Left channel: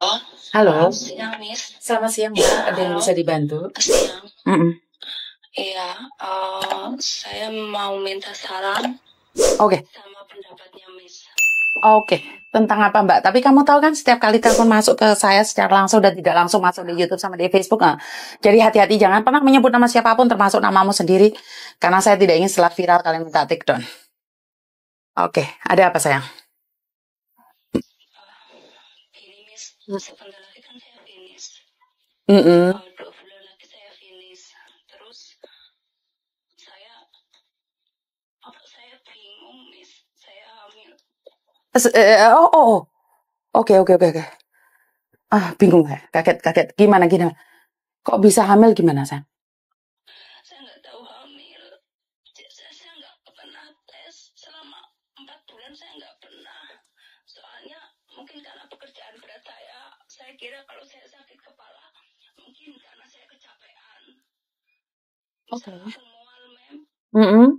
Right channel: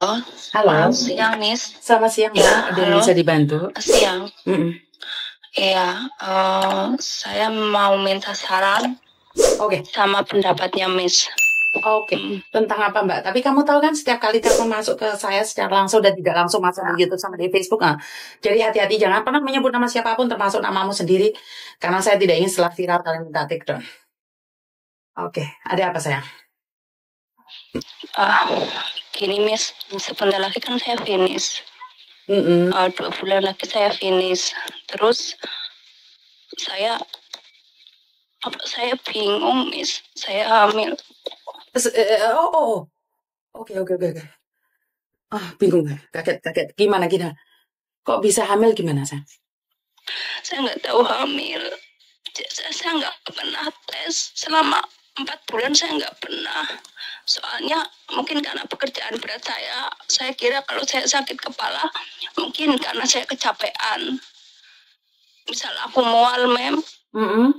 Oh, Halo, siang, Miss. selamat siang Ya, Mbak. Ada yang halo. bisa dibantu? Siang. Mm-mm. Iya, saya mau minta saran Oke, sama pendapatnya, Miss. oke. Hmm, Tentang apa Mbak? Tapi kamu tahu kan setiap kali telepon masuk ke saya secara langsung dan tidak langsung masuk di YouTube sama di Facebook. Nah. Jadi hati-hati jangan pernah menyebut nama siapapun termasuk namamu sendiri. Karena saya tidak ingin setelah viral kalian minta take down. Oke, ada apa sayang? ah, Gini, Miss. Sebentar lagi kan saya finish. Mm-mm. 2 bulan lagi saya finish. Terus saya saya bingung, Miss. Saya hamil. Oh, oh, oh. Oke, oke, oke, oke. Bingung ya? Kaget, kaget. Gimana, gimana? Kok bisa hamil gimana, sayang? Saya nggak tahu hamil. Saya nggak pernah tes selama 4 bulan, saya nggak pernah. Soalnya mungkin karena pekerjaan berat saya kira kalau saya sakit kepala mungkin karena saya kecapean. Misal aku mual, Mm-mm.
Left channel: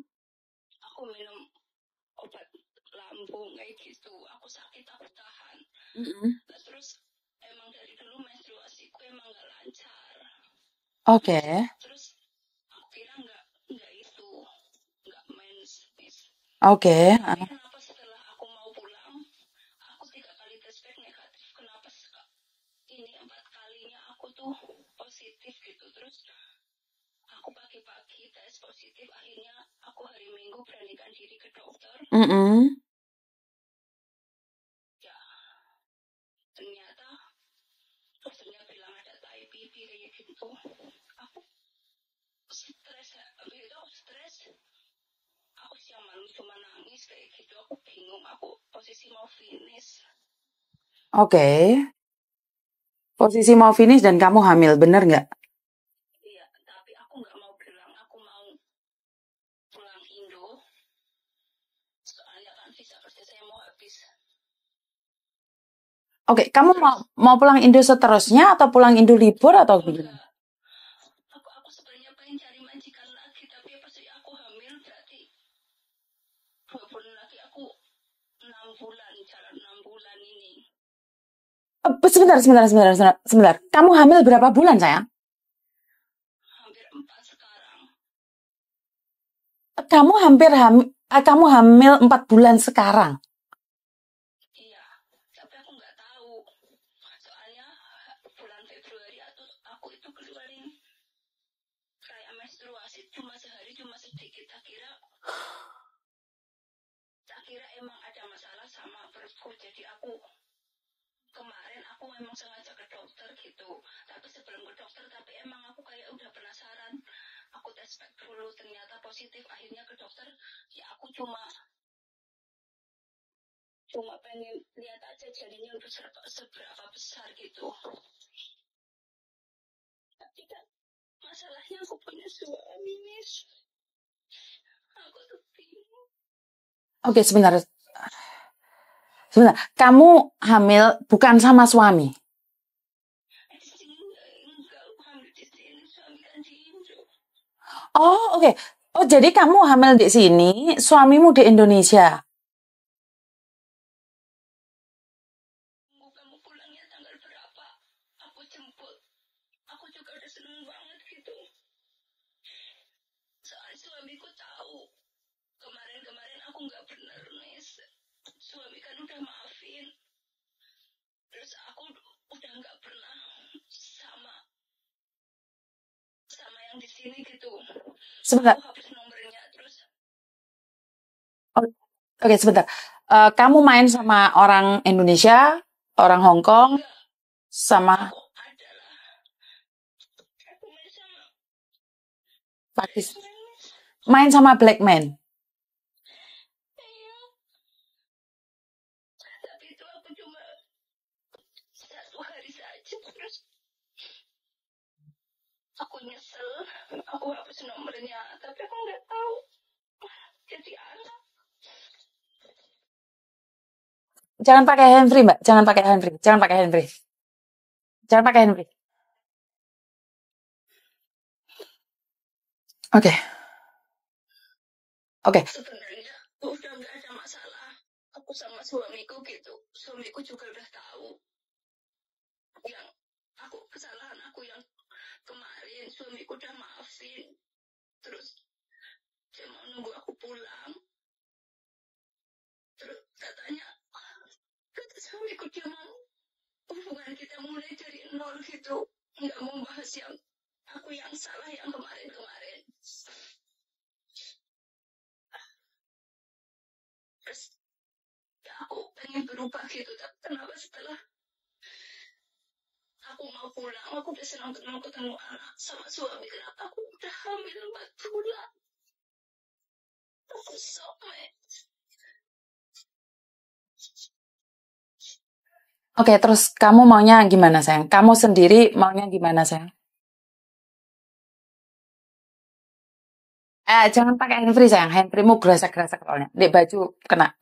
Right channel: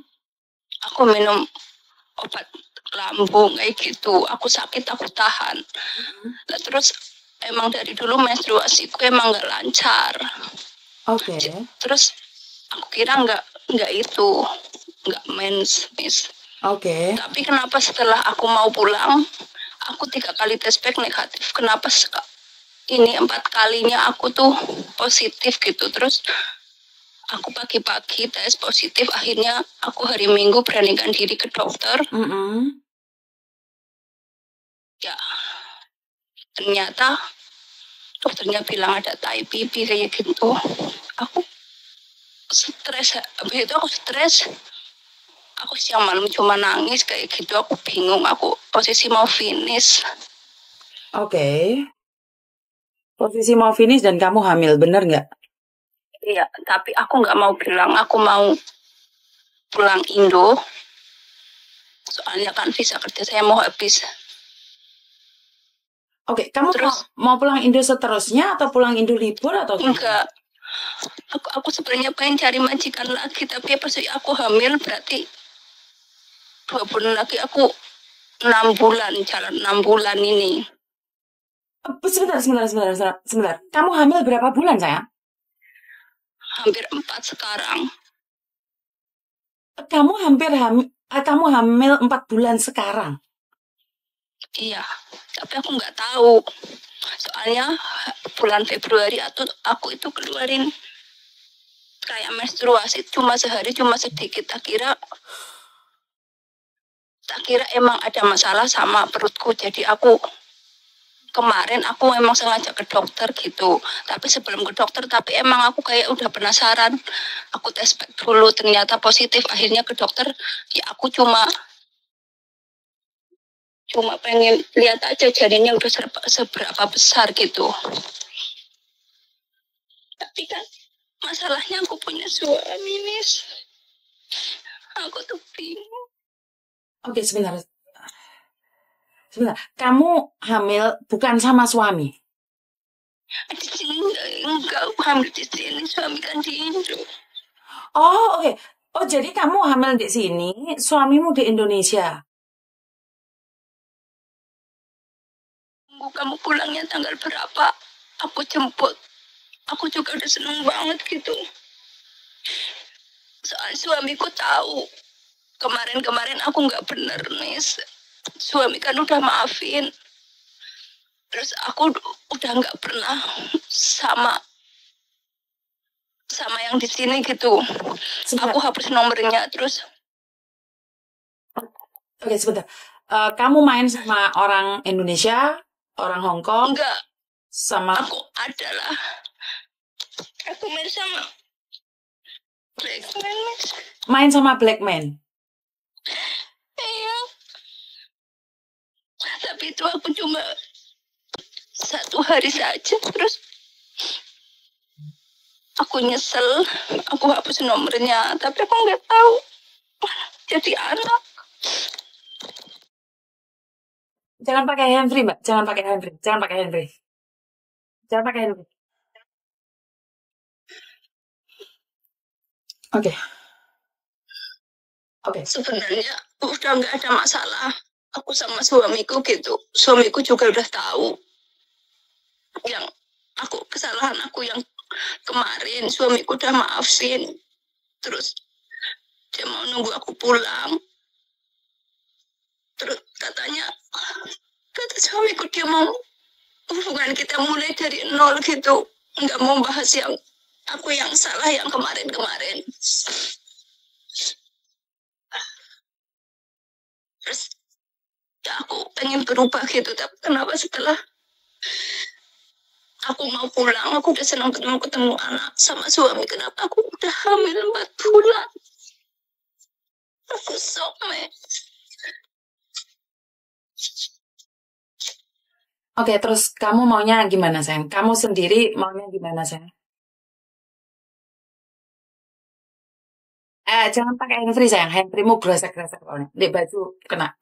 aku minum obat lambung kayak gitu, aku sakit aku tahan. Mm-mm. Nah, terus emang dari dulu menstruasiku emang nggak lancar. Oke, Terus aku kira nggak itu, nggak mens, Miss. oke. Tapi kenapa setelah aku mau pulang, aku 3 kali tes pack negatif. Kenapa ini 4 kalinya aku tuh positif gitu. Terus aku pagi-pagi tes positif. Akhirnya aku hari Minggu beranikan diri ke dokter. Mm-mm. Ya, ternyata dokternya bilang ada TIPP kayak gitu. Aku stres. Habis itu aku stres. Aku siang malam cuma nangis kayak gitu. Aku bingung. Aku posisi mau finish. Oke. Posisi mau finish dan kamu hamil, bener nggak? Iya, tapi aku nggak mau bilang. Aku mau pulang Indo. Soalnya kan visa kerja saya mau habis. Oke, kamu Terus mau pulang Indo seterusnya atau pulang Indo libur atau gimana? enggak, aku sebenarnya pengen cari majikan lagi, tapi pas aku hamil berarti 2 bulan lagi aku 6 bulan, jalan 6 bulan ini. Sebentar, sebentar, sebentar, sebentar, sebentar. Kamu hamil berapa bulan, sayang? Hampir 4 sekarang. Kamu hamil 4 bulan sekarang. Iya, tapi aku nggak tahu. Soalnya bulan Februari aku itu keluarin kayak menstruasi cuma sehari, cuma sedikit. Tak kira emang ada masalah sama perutku. Jadi kemarin aku emang sengaja ke dokter gitu. Tapi sebelum ke dokter, tapi emang aku kayak udah penasaran. Aku tes pack dulu, ternyata positif. Akhirnya ke dokter, ya aku cuma pengen lihat aja janinnya udah seberapa besar gitu. Tapi kan masalahnya aku punya suami, Miss. Aku tuh bingung. Oke, sebentar. Sebentar. Kamu hamil bukan sama suami? Di sini enggak, aku hamil di sini, suami kan di Indo. Oh, oke. Oh, jadi kamu hamil di sini, suamimu di Indonesia. Kamu pulangnya tanggal berapa? Aku jemput. Aku juga udah seneng banget gitu. Soal suamiku tahu kemarin aku nggak bener, Miss. Suami kan udah maafin. Terus aku udah nggak pernah sama yang di sini gitu. Sebentar. Aku hapus nomornya. Terus Oke, sebentar. Kamu main sama orang Indonesia, orang Hong Kong, enggak, sama aku adalah aku main sama Pakistan. Blackman, Miss. Main sama black man. Iya, tapi itu aku cuma 1 hari saja. Terus aku nyesel, aku hapus nomornya. Tapi aku nggak tahu jadi anak. Jangan pakai handfree, Mbak. Jangan pakai handfree. Jangan pakai handfree. Jangan pakai handfree. Oke. Oke. Sebenarnya udah nggak ada masalah. Aku sama suamiku gitu. Suamiku juga udah tahu. kesalahan aku yang kemarin. Suamiku udah maafin, terus dia mau nunggu aku pulang. Terus kata suamiku dia mau hubungan kita mulai dari nol gitu, nggak mau bahas yang aku yang salah yang kemarin-kemarin. Terus ya aku pengen berubah gitu, tapi kenapa setelah aku mau pulang, aku udah senang ketemu anak sama suami, kenapa aku udah hamil 4 bulan? Aku shock, Oke, terus kamu maunya gimana, sayang? Kamu sendiri maunya gimana, sayang? Jangan pakai handfree, sayang. Handfreemu gerasak-gerasak soalnya. Di baju kena.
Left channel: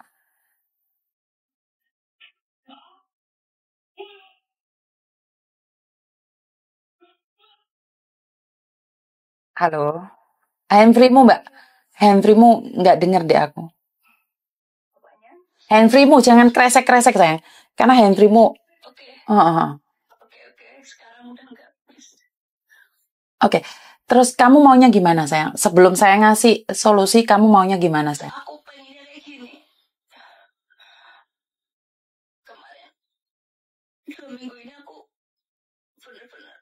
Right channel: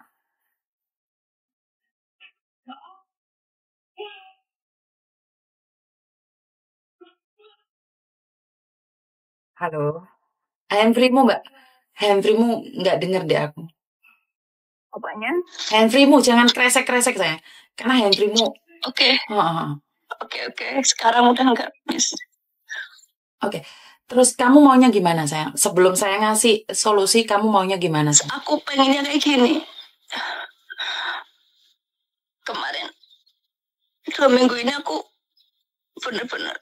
Halo? Handfreemu, Mbak. Handfreemu nggak denger deh aku. Apanya? Handfreemu jangan kresek-kresek, sayang. Karena handfreemu... Oke. Oke. Sekarang udah enggak, Miss. Oke. Terus kamu maunya gimana, sayang? Sebelum saya ngasih solusi, kamu maunya gimana, sayang? Aku pengennya kayak gini. Kemarin 2 minggu ini aku bener-bener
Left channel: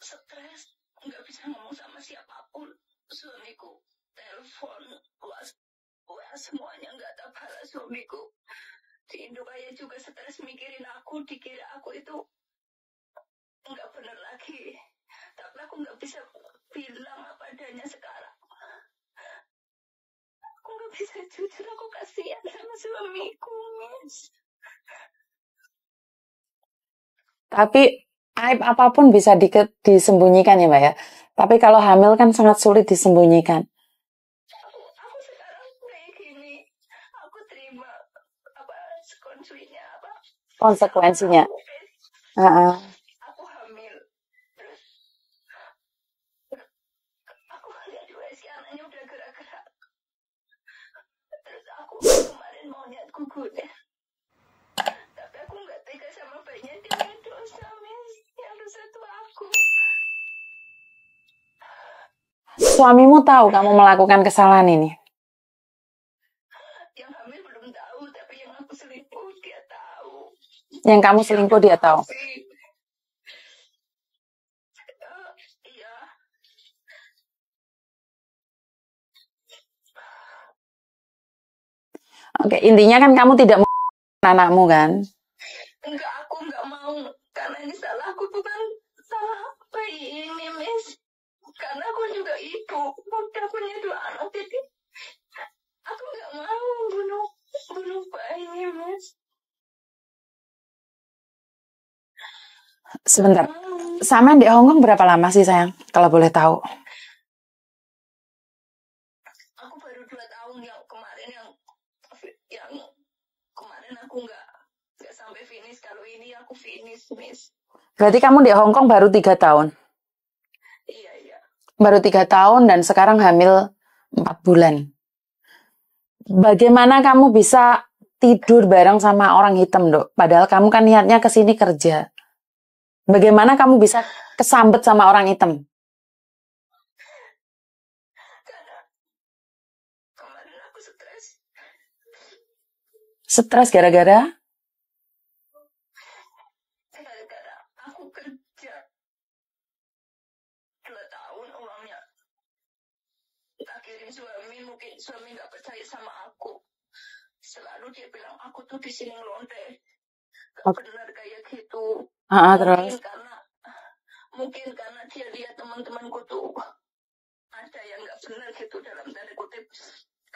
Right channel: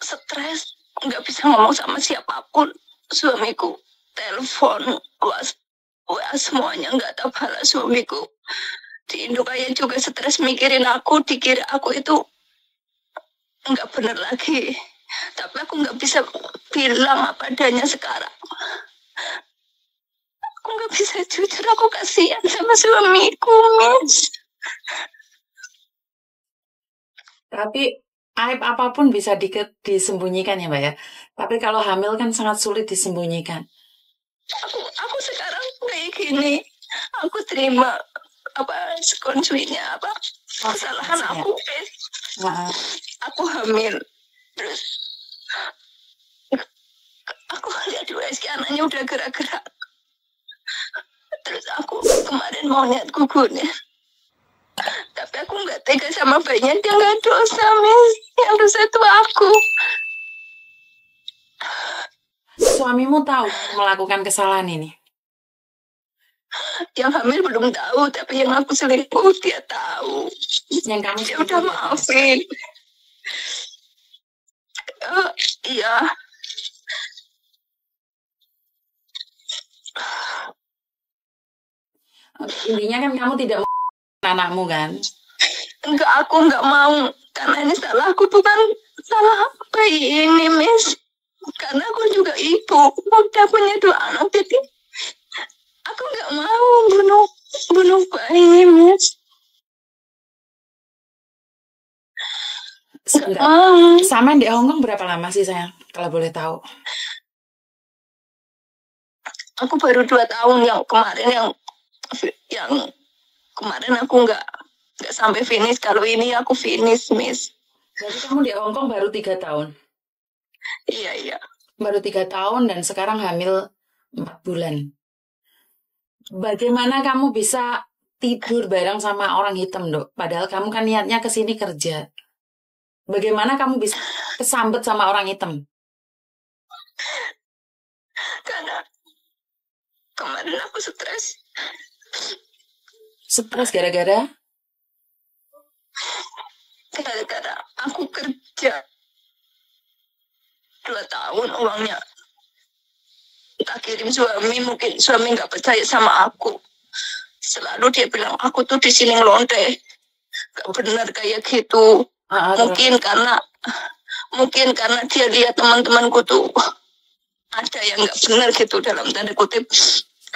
stres, nggak bisa ngomong sama siapapun. Suamiku telepon, WA semuanya nggak tahu balas suamiku. Di Indo kayak juga stres mikirin aku, dikira aku itu nggak bener lagi. Tapi aku nggak bisa bilang apa adanya sekarang. Aku nggak bisa jujur, aku kasihan sama suamiku, Miss. Tapi aib apapun bisa disembunyikan ya, Mbak ya. Tapi kalau hamil kan sangat sulit disembunyikan. Aku sekarang kayak gini, aku terima konsekuensinya. Aku hamil, terus aku lihat USG anaknya udah gerak-gerak. Terus aku kemarin mau niat gugurin, tapi aku nggak tega sama bayinya, dia nggak dosa, Miss. Yang dosa itu aku. Suamimu tahu kamu melakukan kesalahan ini? Yang hamil belum tahu, tapi yang aku selingkuh dia tahu. Yang kamu selingkuh dia tahu? Iya. Oke, intinya kan kamu tidak mau anakmu kan? Enggak, aku nggak mau. Karena ini salah aku, bukan salah bayi ini, Miss. Karena aku juga ibu, udah punya 2 anak, jadi aku nggak mau bunuh bayi, Miss. Sebentar, sama di Hongkong berapa lama sih, sayang? Kalau boleh tahu. Aku baru 2 tahun, yang kemarin aku nggak sampai finish. Kalau ini aku finish, Miss. Berarti kamu di Hongkong baru 3 tahun? Iya. Baru 3 tahun dan sekarang hamil 4 bulan. Bagaimana kamu bisa tidur bareng sama orang hitam, Dok? Padahal kamu kan niatnya ke sini kerja. Bagaimana kamu bisa kesambet sama orang hitam? Karena kemarin aku stres. Stres gara-gara? Gara-gara aku kerja 2 tahun, uangnya tak kirim suami. Mungkin suami nggak percaya sama aku. Selalu dia bilang aku tuh di sini ngelonte, nggak benar kayak gitu. Mungkin karena dia lihat teman-temanku tuh ada yang nggak benar gitu, dalam tanda kutip.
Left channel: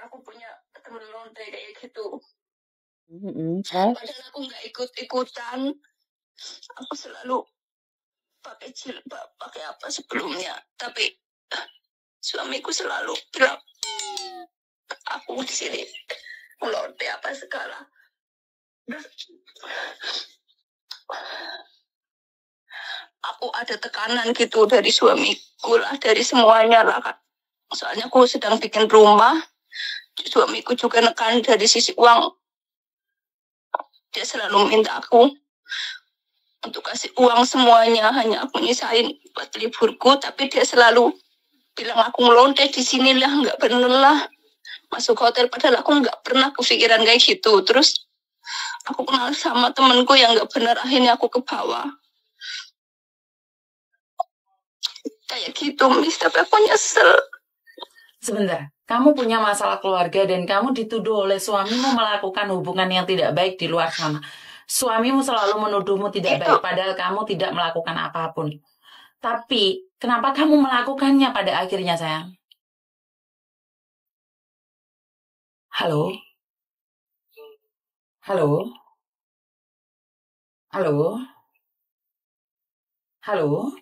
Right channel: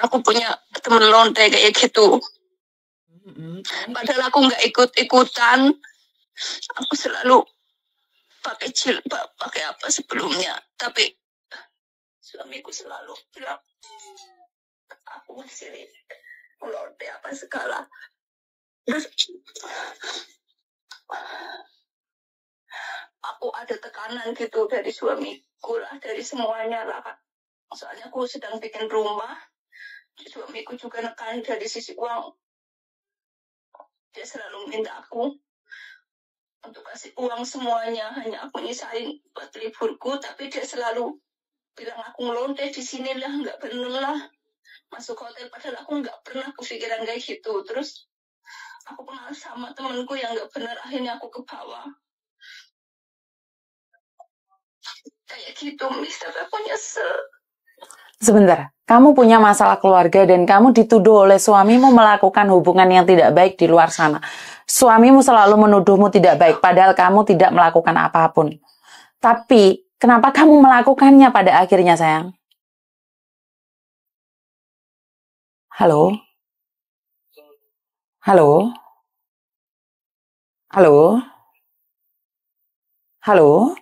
Aku punya teman lonte kayak gitu. Padahal aku nggak ikut-ikutan. Aku selalu pakai jilbab, pakai apa sebelumnya. Tapi suamiku selalu bilang aku di sini lonte apa segala. Terus aku ada tekanan gitu dari suamiku lah, dari semuanya lah, Kak. Soalnya aku sedang bikin rumah, suamiku juga nekan dari sisi uang. Dia selalu minta aku untuk kasih uang semuanya, hanya aku nyisain buat liburku, tapi dia selalu bilang aku ngelonte di sinilah, nggak bener lah masuk hotel, padahal aku nggak pernah kepikiran kayak gitu. Terus aku kenal sama temenku yang nggak bener, akhirnya aku ke bawah kayak gitu, Miss. Tapi aku nyesel. Sebentar, kamu punya masalah keluarga dan kamu dituduh oleh suamimu melakukan hubungan yang tidak baik di luar sana. Suamimu selalu menuduhmu tidak baik, padahal kamu tidak melakukan apapun. Tapi, kenapa kamu melakukannya pada akhirnya, sayang? Halo? Halo? Halo? Halo?